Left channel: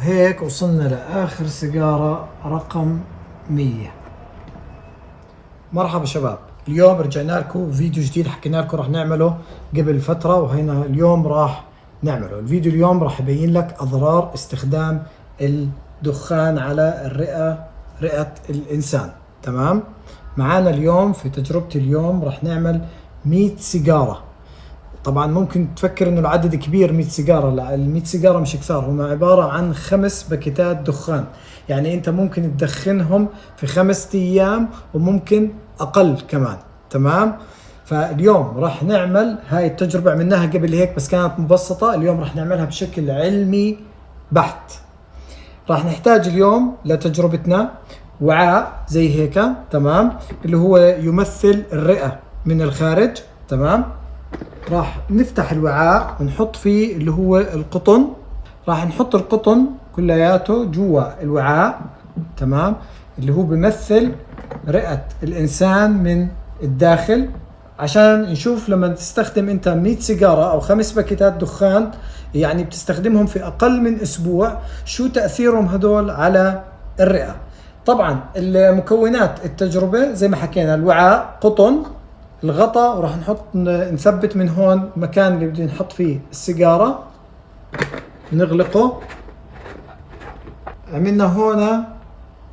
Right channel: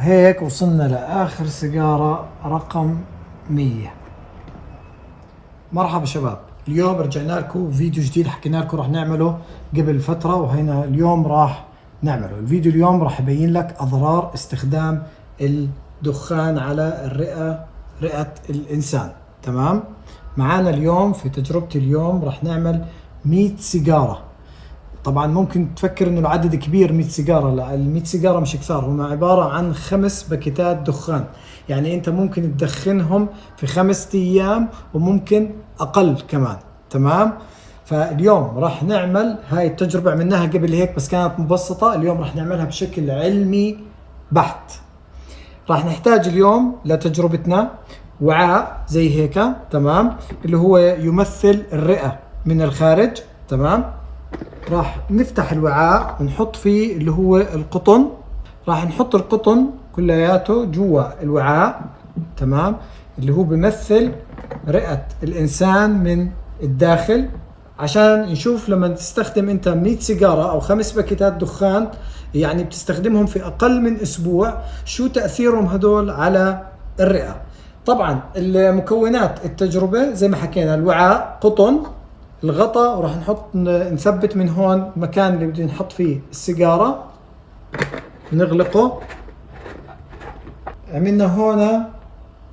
هيك وصلنا لآخر سيجارة رقم 100. مرحبا شباب، اليوم رجعنا لكم فيديو جديد حكينا لكم راح نعمله قبل فترة، وهنا اليوم راح نعمله. الفيديو اليوم راح يبين لك أضرار استخدام الدخان على رئة الإنسان. تمام؟ معانا اليوم في تجربتي اليوم راح نعمل 100 سيجارة. طبعا ممكن تفكر انه العدد كبير 100 سيجارة، لا، ال 100 سيجارة مش كثار، هم عبارة عن 5 باكيتات دخان. يعني انت ممكن تدخنهم في 5 ايام وممكن اقل كمان. تمام؟ فاليوم راح نعمل هاي التجربة، عملناها قبل هيك بس كانت مبسطة، اليوم راح نعملها بشكل علمي بحت. راح نحتاج اليوم لتجربتنا وعاء زي هيك، تمام، اللي هو يمثل الرئة من الخارج. تمام؟ راح نفتح الوعاء ونحط فيه اللي هو القطن. راح نحط القطن كلياته جوا الوعاء، تمام، اللي هو بيمثل رئة الإنسان من الداخل، عشان نشوف لما تستخدم انت 100 سيجارة او 5 باكيتات دخان، يعني بتستخدمهم في اقل من اسبوع، شو تأثيرهم هدول على الرئة. طبعا المكونات التجربة زي ما حكينا، الوعاء، قطن، الغطاء، وراح نثبت من هون المكان اللي بدنا نحط فيه السيجارة، نغلقه. عملنا هون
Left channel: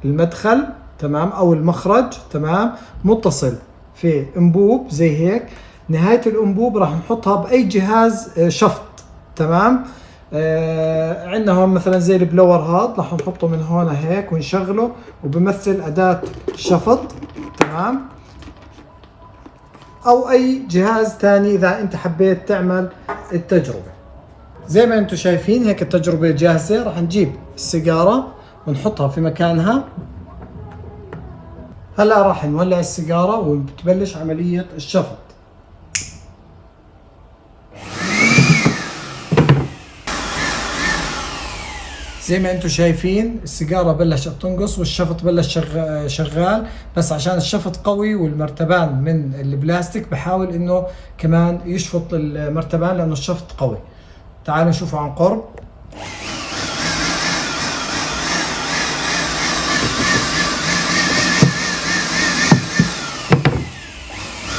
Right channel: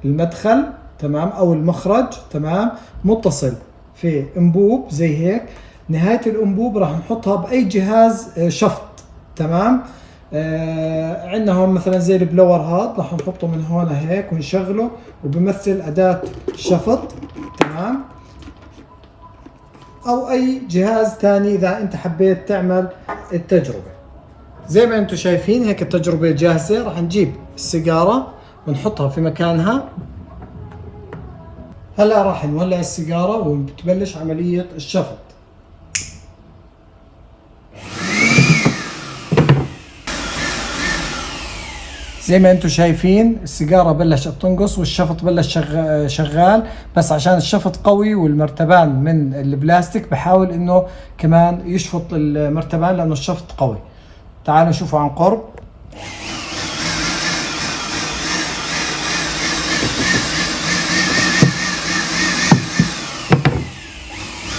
المدخل، تمام، او المخرج، تمام، متصل في انبوب زي هيك. نهاية الانبوب راح نحطها باي جهاز شفط. تمام؟ عندنا هون مثلا زي البلور هاد، راح نحطه من هون هيك ونشغله، وبمثل اداة شفط. تمام؟ او اي جهاز ثاني اذا انت حبيت تعمل التجربة. زي ما انتم شايفين هيك التجربة جاهزة. راح نجيب السيجارة ونحطها في مكانها. هلا راح نولع السيجارة وبتبلش عملية الشفط. زي ما انتم شايفين السيجارة بلشت تنقص والشفط بلش شغال، بس عشان الشفط قوي والمرتبان من البلاستيك بحاول انه كمان يشفط المرتبان لانه الشفط قوي. تعالوا نشوفوا عن قرب.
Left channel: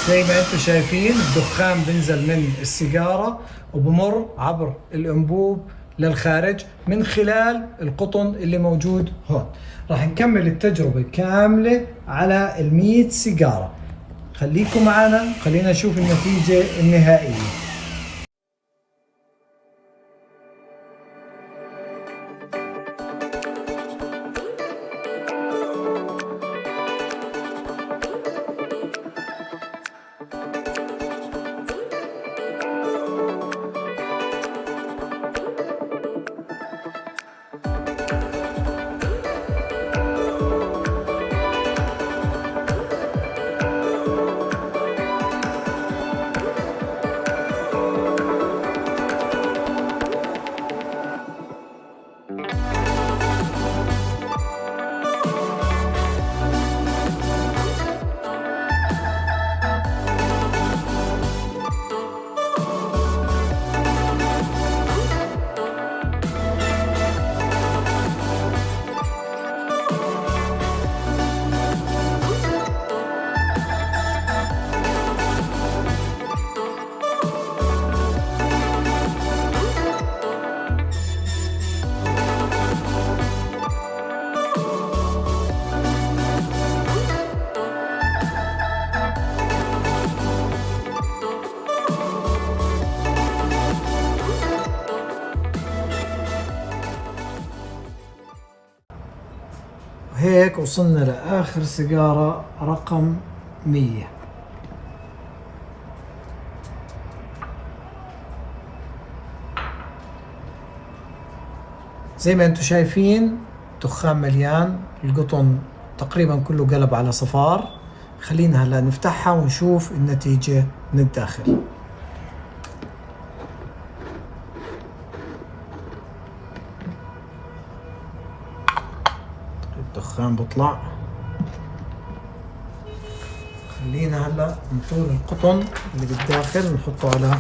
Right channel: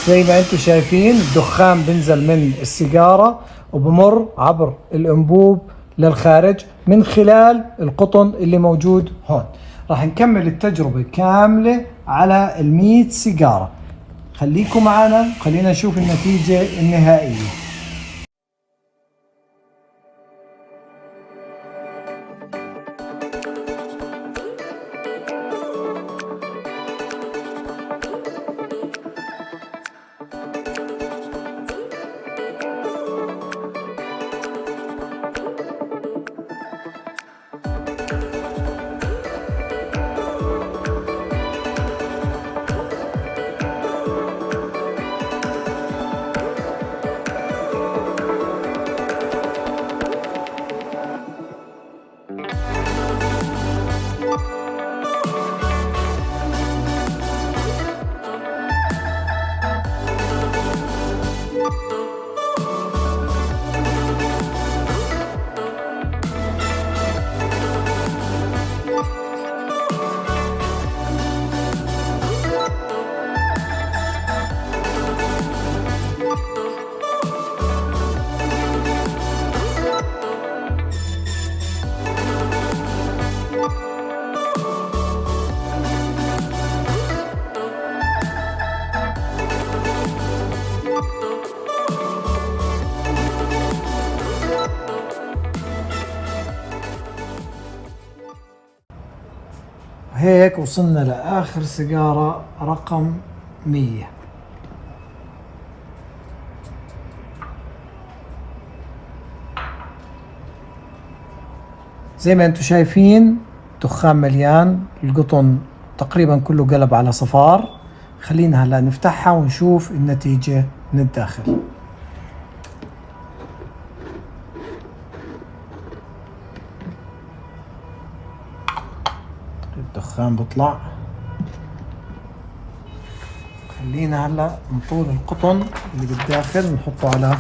زي ما انتم شايفين الدخان بنزل من السيجارة وبمر عبر الانبوب للخارج من خلال القطن اللي موجود هون. راح نكمل التجربة كاملة على 100 سيجارة. خليكم معنا، خلينا نشوف النتيجة النهائية. هيك وصلنا لآخر سيجارة رقم 100. زي ما انتم شايفين دخان مليان، القطن تقريبا كله قلب على صفار. خلينا هلا نفتحها ونشوف النتيجة من الداخل. الدخان بيطلع. خلينا هلا نطول القطن اللي بالداخل نحطه على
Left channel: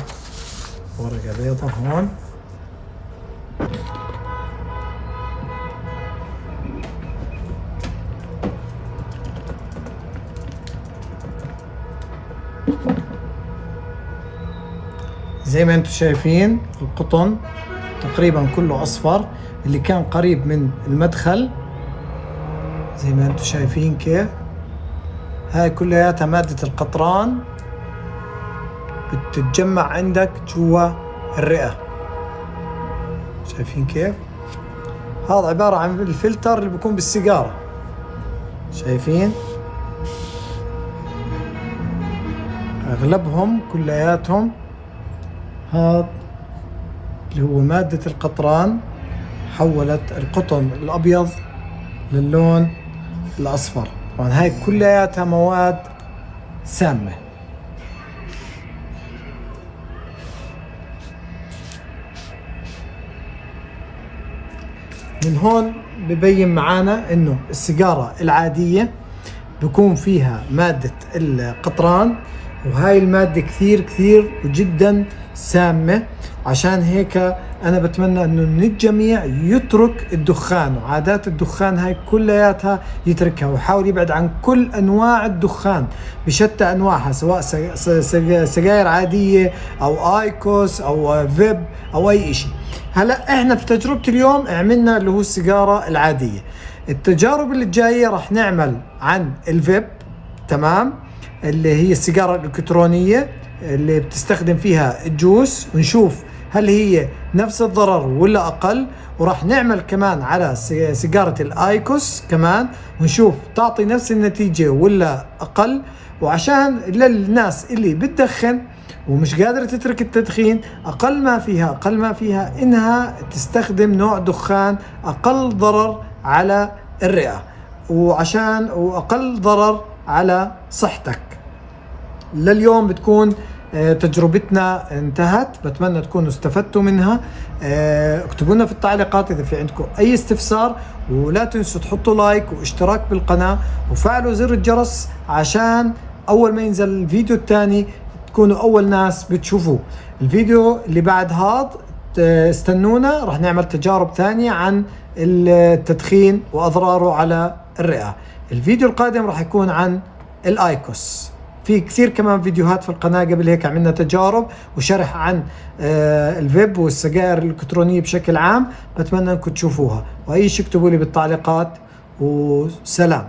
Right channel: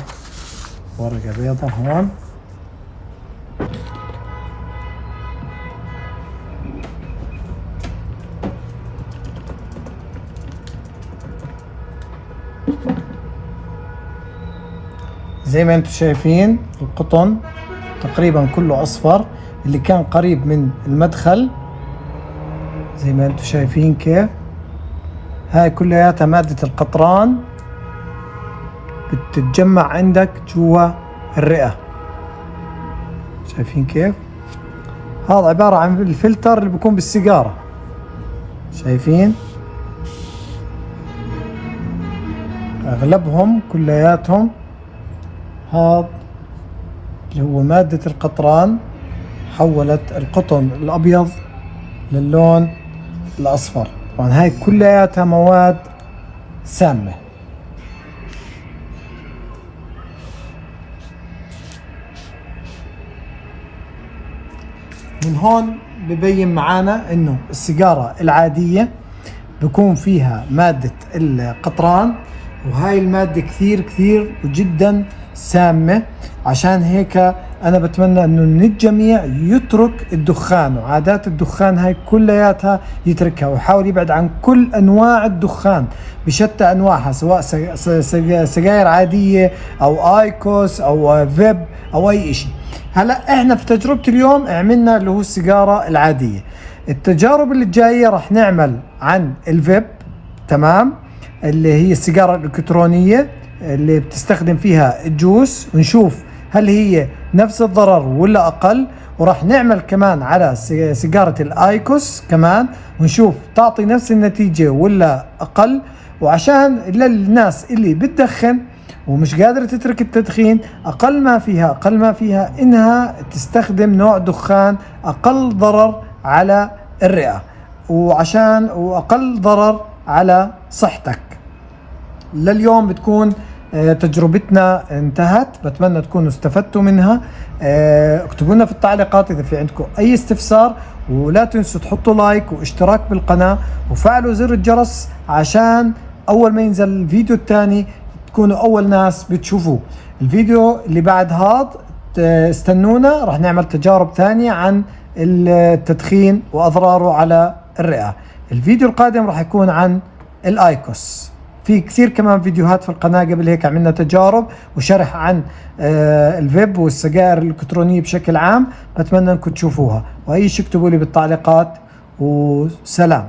ورقة بيضة هون. زي ما انتم شايفين القطن تقريبا كله اصفر، اللي كان قريب من المدخل زي ما انتم شايفين كيف. هاي كلياتها مادة القطران بتتجمع عندك جوا الرئة. شايفين كيف؟ هذا عبارة عن الفلتر اللي بيكون بالسيجارة. شايفين؟ اغلبهم كلياتهم هذا اللي هو مادة القطران حولت القطن الابيض للون الاصفر. طبعا هاي كلياتها مواد سامة. من هون ببين معانا انه السيجارة العادية بكون فيها مادة القطران، وهاي المادة كثير وجدا سامة. عشان هيك انا بتمنى انه من الجميع يترك الدخان وعادات الدخان هاي كلياتها يتركها، ويحاول يبعد عن كل انواع الدخان بشتى انواعها، سواء سجاير عادية او ايكوس او فيب او اي اشي. هلا احنا في تجربة اليوم عملنا اللي هو السيجارة العادية. التجارب اللي جاية راح نعمل عن الفيب، تمام، اللي هي السيجارة الإلكترونية اللي بتستخدم فيها الجوس، نشوف هل هي نفس الضرر ولا أقل. وراح نعمل كمان على سيجارة الآيكوس كمان، ونشوف تعطي نفس النتيجة ولا أقل. وعشان للناس اللي بتدخن ومش قادرة تترك التدخين، أقل ما فيها إنها تستخدم نوع دخان أقل ضرر على الرئة وأقل ضرر على صحتك. لليوم بتكون تجربتنا انتهت، بتمنى تكونوا استفدتوا منها. اكتبوا لنا في التعليقات إذا في عندكم أي استفسار، ولا تنسوا تحطوا لايك واشتراك بالقناة وفعلوا زر الجرس عشان أول ما ينزل الفيديو الثاني تكونوا أول ناس بتشوفوه. الفيديو اللي بعد هذا استنونا، راح نعمل تجارب ثانية عن التدخين وأضراره على الرئة. الفيديو القادم راح يكون عن الآيكوس. في كثير كمان فيديوهات في القناة قبل هيك عملنا تجارب وشرح عن الفيب والسجائر الإلكترونية بشكل عام، بتمنى انكم تشوفوها. وأي شيء اكتبوا لي بالتعليقات، وسلام.